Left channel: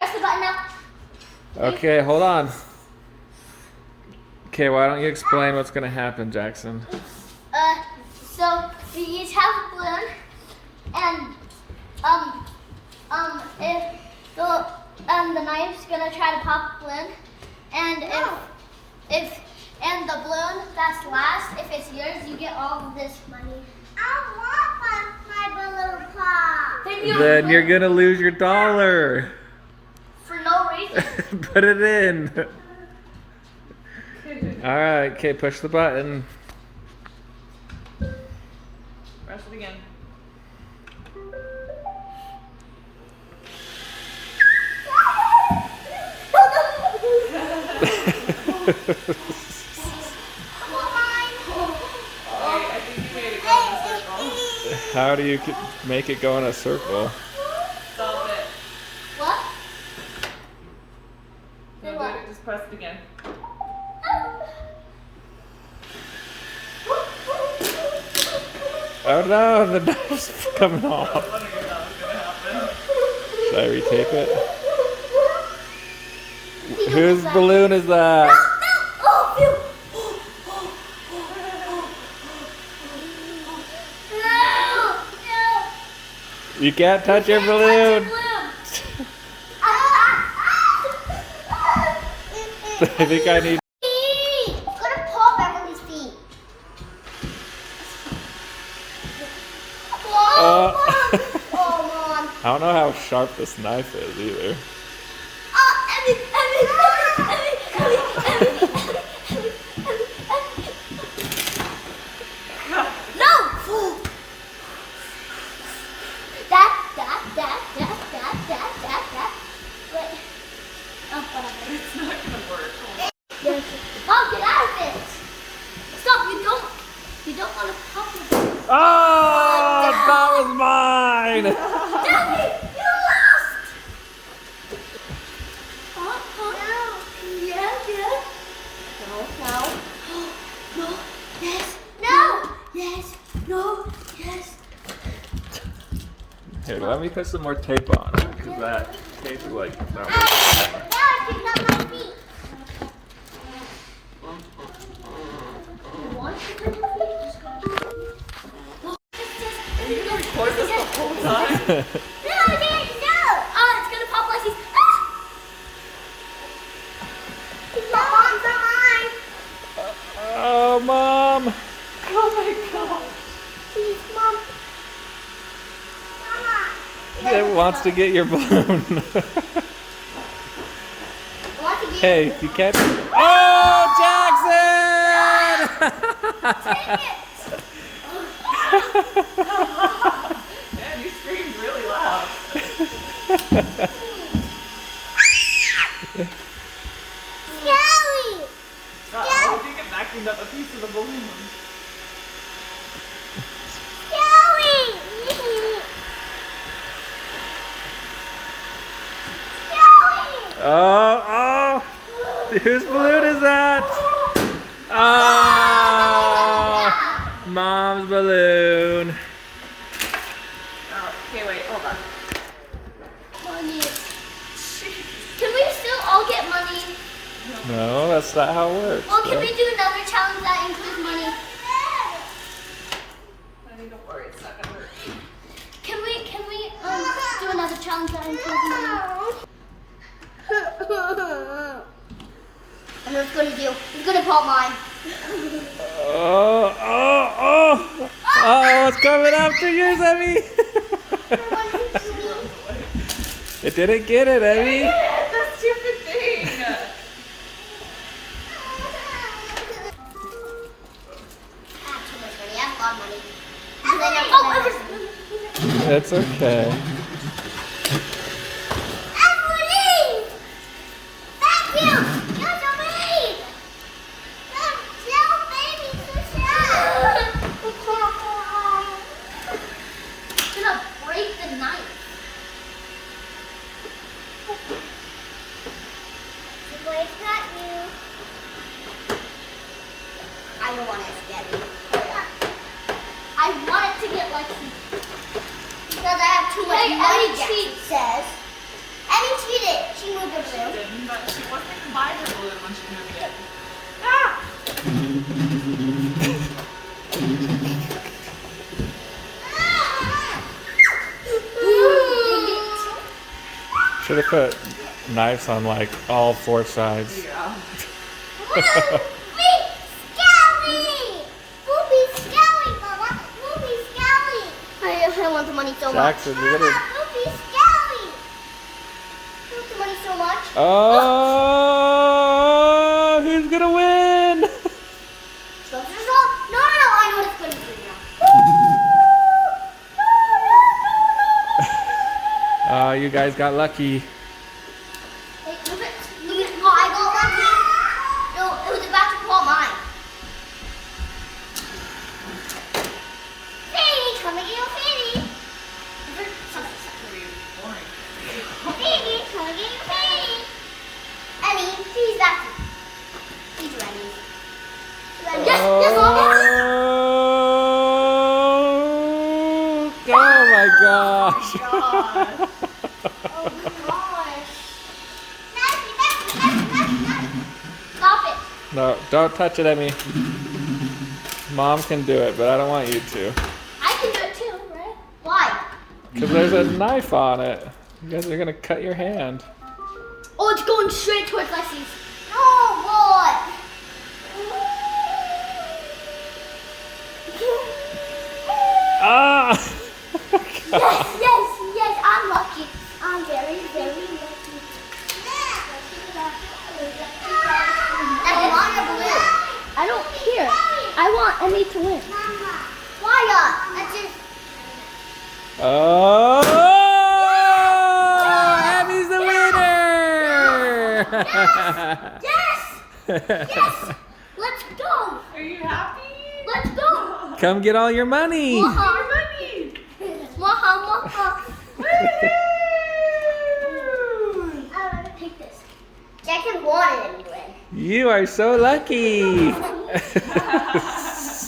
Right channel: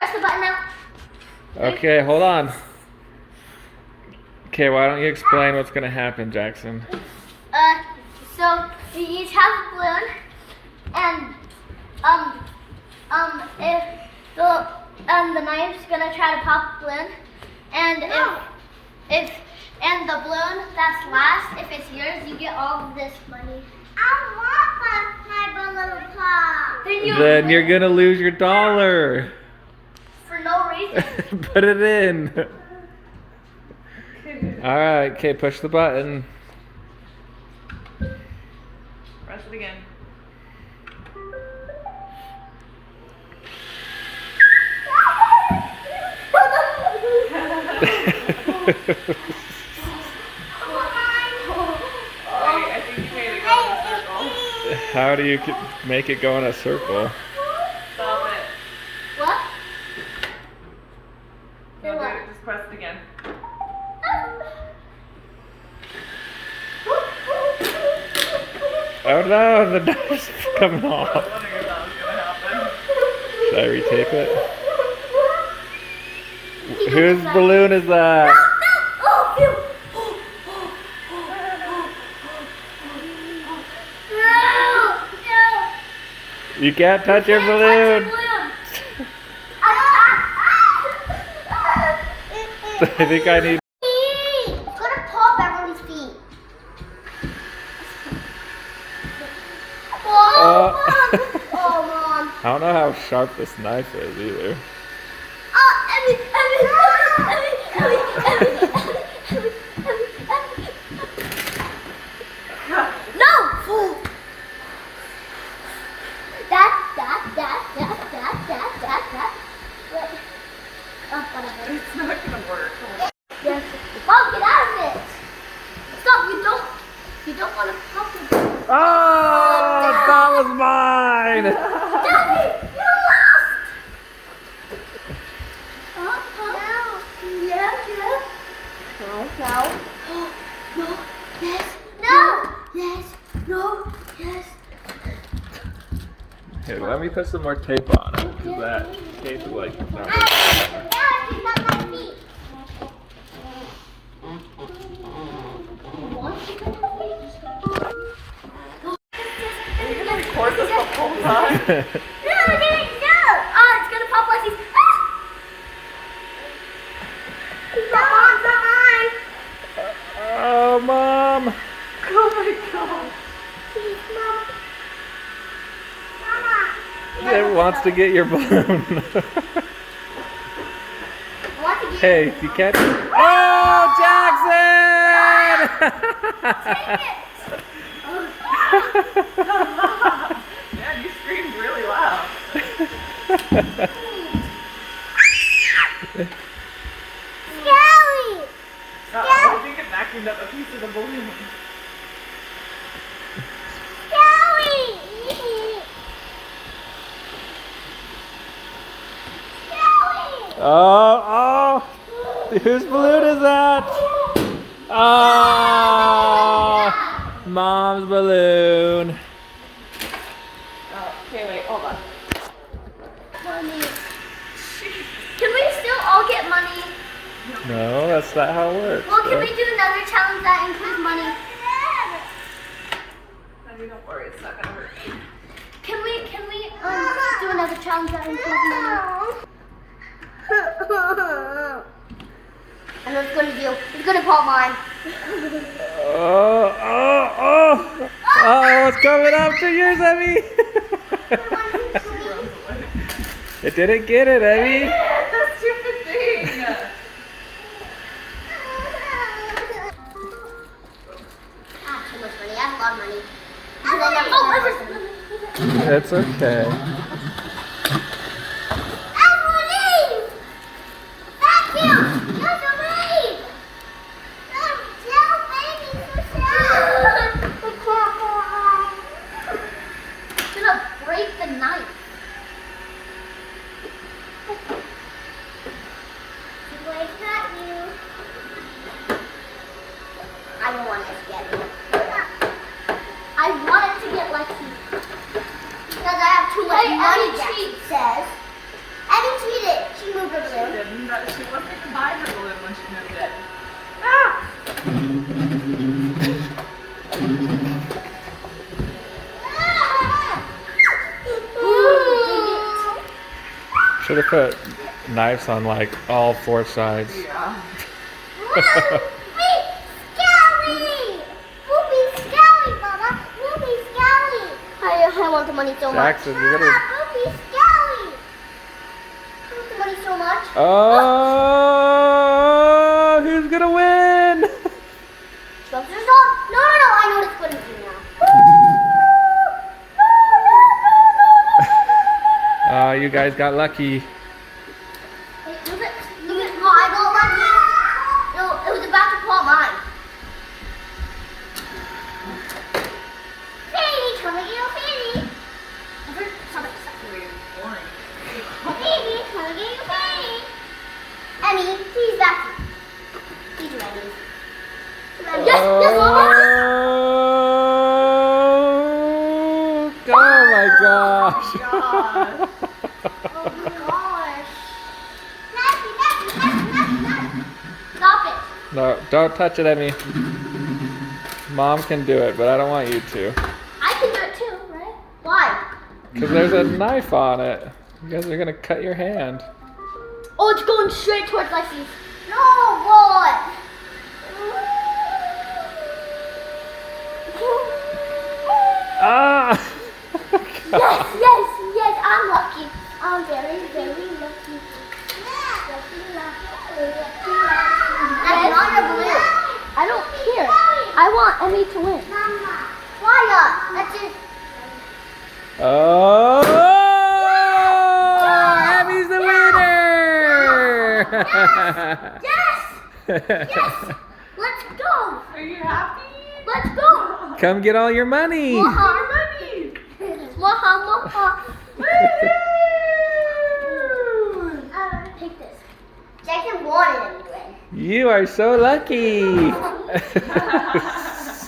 Press the button now. Okay, hold on. Okay, why don't you explain what's gonna happen, Jackson? So we each have a balloon, and if the knife's gonna try to pop the balloon, and if the balloon that's last, if it's yours, you get all of this money. I want my balloon pop. Then you're gonna lose your $1. For no reason. Put it in. Alright, okay, push the button. Press it again. I think you made it go in a circle. How do you make it go in a circle? Stop it. What? No, do it. Just press it again. Oh no, the knife's coming off. Should I retape it? Whose balloon is that? You can't touch your balloon. I think I need. It's gonna pop everyone's feet. Oh, Mom. I don't know how sharp this knife is either. No! That. Wait. Oh, whatever. It's not gonna work. Yes. Mom, get out of it! Stop! You don't want to pop it. Oh, that was mine. Daddy, you lost! No. Yeah. No. Yes. No. Yes. No. Yes. Here, let me put some more tape on it, because that tape is like not working anymore. Now I can not my feet. Are you gonna record this the whole time? No! Oh, it's gonna pop like he's. Oh, Mom. Oh my god. Please, Mom. It wants to get your balloon. Hey, you can't. Oh, Jackson! Man, you screamed really loud. Skelly! I think it vacuumed up a piece of the balloon. Skelly! Oh, whose balloon is that? Oh, Mom's balloon. Oh, okay, wait, hold on. Money. Can we still all get money? No, that's not how it works. Well, can we do another challenge that includes money? I mean, don't worry, it's not gonna hurt. Can we do another challenge that includes money? I know it's gonna pop mine. Oh, it's coming after yours, Emmy. It didn't get it, Emmy. That stupid thing! Too much money. I have a lot of money. It's okay. Emily! Thank you! You're so mean! It's gonna break the knife. Wait, not you. I don't want it to get me. I want it to get Lexi. Because I have 2 legs. didn't. That she wasn't by her balloon when she moved it. Ah! Should have put knives on like all 4 sides. Yeah. I want the money so much. Jackson, you gotta. Poopy Skelly. I want the money so much. Oh, who's gonna win? No, I know what it's going to be now. Oh, you guys got lucky. Wait, look at how I got lucky. No, it was about to fall mine. Fanny, come and get your Fanny. Really boring. Fanny, come and get your Fanny. Annie, she's back. She's ready. Yes, yes, Oh my gosh. Oh my gosh. Stop it. No, don't touch it, Emmy. Mom can do it, but I don't want you to. I can do it too, right? Why? Because there's a knife on it. You guys are gonna cut your hand. Oh, it's going straight towards Leslie's. No, what? Ah! Yes, I'm lucky. I'm very, very lucky. That's on your balloon. I don't care. I want Emmy to win. Why not? That's just... Oh! Emmy's the winner! Yes! Yes! Let's go! Are you happy? Let's go! Come get all your money. Waha, Money. waha, waha. Take this. Jackson wanted him to win. You are so lucky.